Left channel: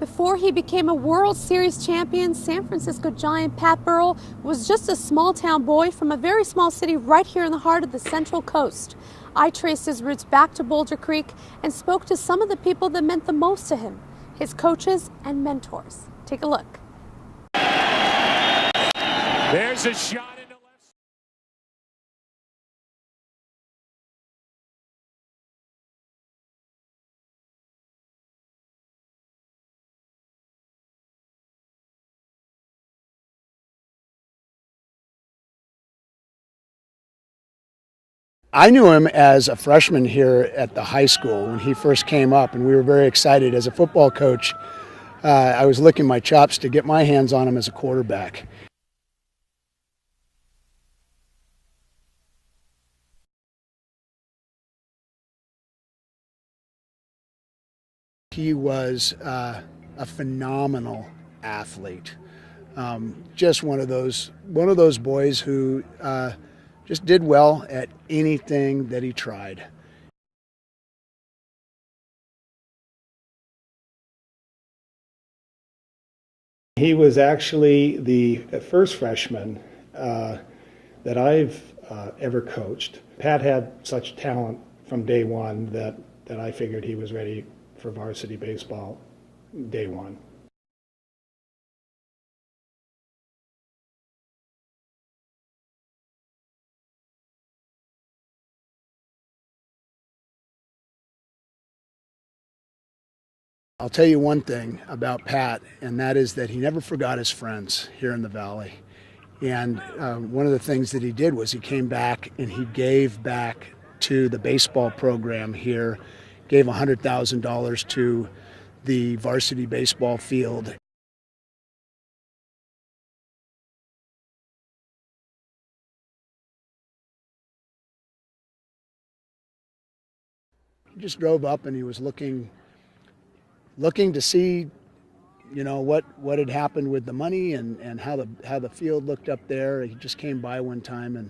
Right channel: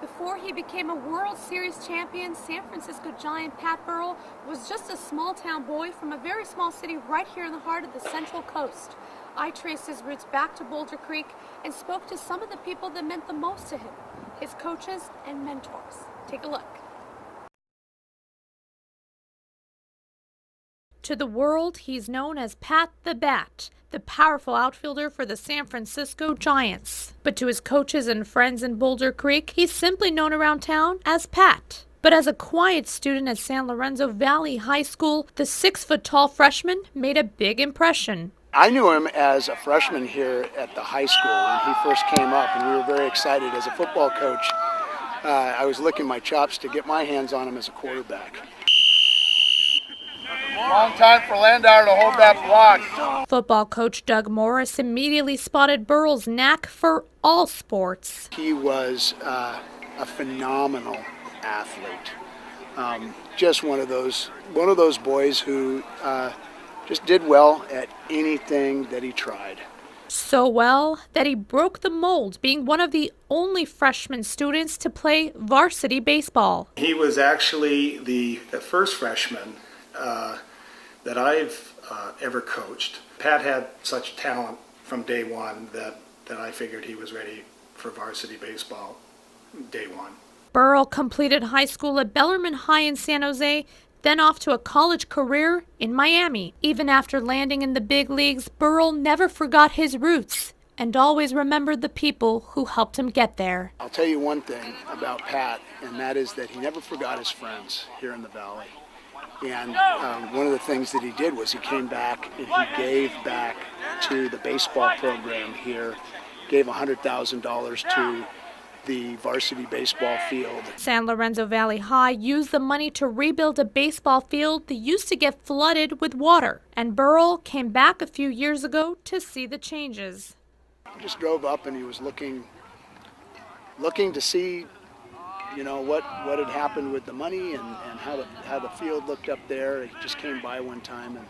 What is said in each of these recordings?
Before he became a World Series champion, San Francisco Giant Pat Burrell was just a small town boy from a very small city right here in the heart of the Central Coast. I traced his roots back to Boulder Creek and spoke to some of the people that meant the most to him, his coaches and mentors. Take a look. There's a shot into left. To the world, he's known as Pat the Bat, the powerful outfielder for the San Francisco Giants. But to his coaches and friends in Boulder Creek, he's simply known around town as Pat. But as a quiet student at San Lorenzo Valley High School, the 6-foot-tall freshman made a big impression. I knew him as a freshman here at the high school when he first came up, and we were very excited. As a football coach, I was licking my chops to get my hands on him as a quarterback. Long time for Landauer to hold that block. Football coach Doug Morris immediately spotted Burrell's knack for all sports. He was a phenomenal athlete. Just one of those boys who just did well at anything that he tried. So well that he broke the mold, being one of the only freshman students to play varsity baseball. He was actually the first freshman that I've ever coached. Pat had such talent from day one that I figured he was ready for varsity baseball day one. Burrell completed high school at Bellarmine High in San Jose, then off to a college career in Miami. Even after landing in the big leagues, Burrell never forgot his roots and always remembered the people who helped him get there. I'll tell you one thing about Pat, and that is that he never forgot his friends here in the Valley. And one of the things that he did was he came back and he gave back to the baseball program here, gave $100,000 to the varsity baseball field. San Lorenzo Valley High used the money to rebuild a baseball field that used to get flooded with water. And Burrell came back a few years ago to see the changes. He just drove up and he was looking to see, you know, what had happened with the money and how the field looked up there. He just came by one time and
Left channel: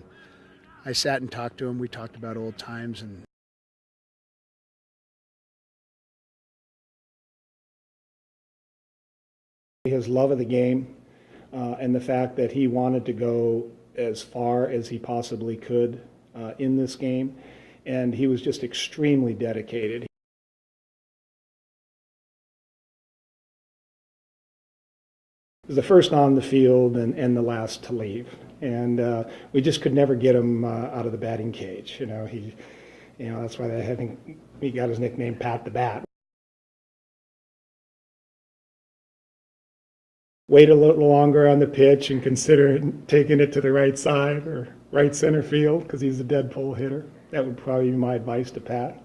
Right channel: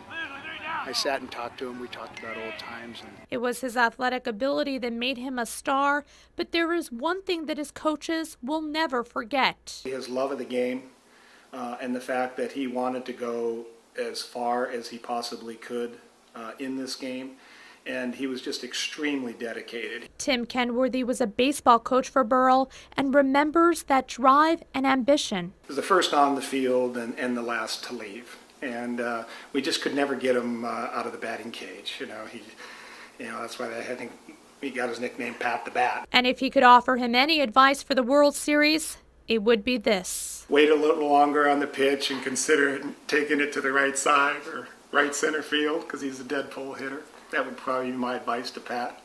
I sat and talked to him. We talked about old times. And it was his athletic ability that made him a star, but there is one thing that his coaches will never forget. His love of the game and the fact that he wanted to go as far as he possibly could in this game. And he was just extremely dedicated. Tim Kenworthy was a baseball coach for Burrell and remembers that drive and ambition. He was the first on the field and the last to leave. And we just could never get him out of the batting cage. That's why I think he got his nickname Pat the Bat. And if he could offer him any advice for the World Series, it would be this. Wait a little longer on the pitch and consider taking it to the right side or right center field because he's a dead pull hitter. That would probably be my advice to Pat.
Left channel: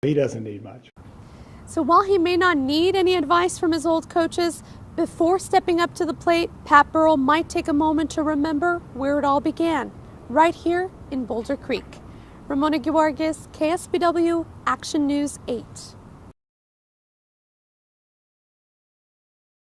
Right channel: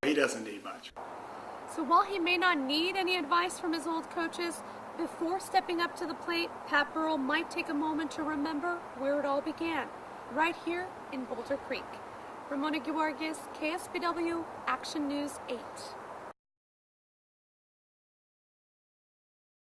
He doesn't need much. So while he may not need any advice from his old coaches, before stepping up to the plate, Pat Burrell might take a moment to remember where it all began, right here in Boulder Creek. Ramona Guargues, KSBW, Action News 8.